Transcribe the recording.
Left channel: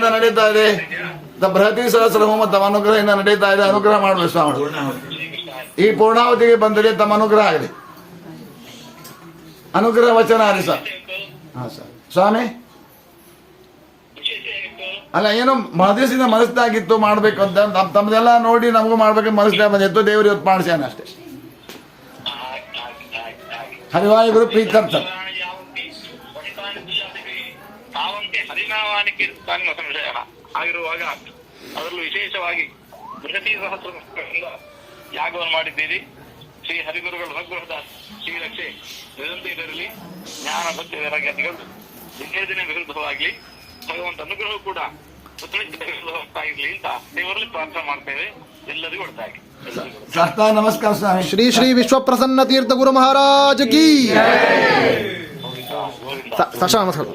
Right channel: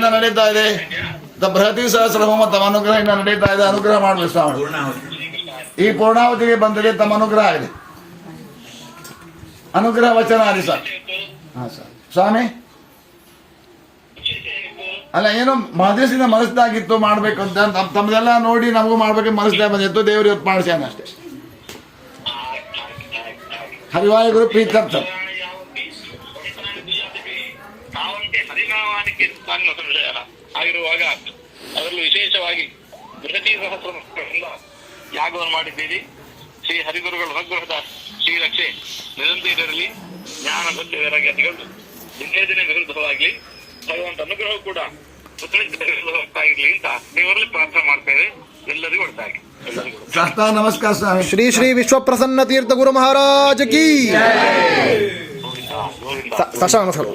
ನಡೀತಾ ಇದೆ. ಬೃಹತಿ ಸಹಸ್ರ ಹೋಮ ತಮ್ಮ ಅನುಗ್ರಹದಿಂದ ನಡೀತಾ ಇದೆ. ಅನುಗ್ರಹ ಮಾಡಬೇಕು ಸ್ವಾಮಿ. ಈ ಪೂರ್ಣಾವತಿಗೆ ಬಂದರೆ ತಮ್ಮ ಅನುಗ್ರಹ ಆಗಿದೆ. ಅನುಗ್ರಹ ವಚನ ಆಗಿ ಸರ್. ಹಾ ಸರ್ ಸ್ವಾಮಿ. ಅಲ್ಲ ಏನು ಮಹದೇಶಿನ ಮನಸ್ಸಾಗಿತ್ತು ಮಾಡ್ಬೇಕು ಅಂತ ತಮ್ಮದೆಲ್ಲ ನೋಡಿ ನಮಗೂ ಮಾಡ್ಬೇಕು ಮನಸ್ಸಾಗ ಬಂದಿತ್ತು. ದೇವ್ರು ಇವತ್ತು ಮಾಡಿಸ್ಯಾನ ಅಷ್ಟೇ. ಹರಿವಾಯುಗುರು ಪ್ರೀತ್ಯರ್ಥ. ಆಗಿರುವಾಗ ಅದರಲ್ಲೂ ವಿಶೇಷವಾಗಿ ಬೃಹತಿ ಸಹಸ್ರ ಯಾಗವನ್ನು ಮಾಡಿದ್ದೀರಿ. ಶ್ರೀ ಹರಿಗುರುಗಳ ಅನುಗ್ರಹದ ಶ್ರೀರಕ್ಷೆ ನಿರಂತರದಲ್ಲಿ ಜ್ಞಾನ ಭಕ್ತಿ ವೈರಾಗ್ಯಗಳು ದಿನೇ ದಿನೇ ವಿರುದ್ಧವಾಗ್ಲಿ, ಭಗವಂತ ಅನುಗ್ರಹ ಕೂಡ ವಿರುದ್ಧವಾಗಿರ್ಲಿ ಅಂತ ದೇವರಲ್ಲಿ ಪ್ರಾರ್ಥನೆ ಮಾಡ್ತೇವೆ. ಎಲ್ಲರಿಗೂ ಒಳ್ಳೆದಾಗಿ. ನಮಸ್ಕಾರ ಸ್ವಾಮಿ. ಶ್ರೀ ಶ್ರೀ ವಿಶ್ವಪ್ರಸನ್ನ ತೀರ್ಥ ಗುರು ಮಹಾರಾಜ್ ಕಿ ನಮಸ್ಕಾರ.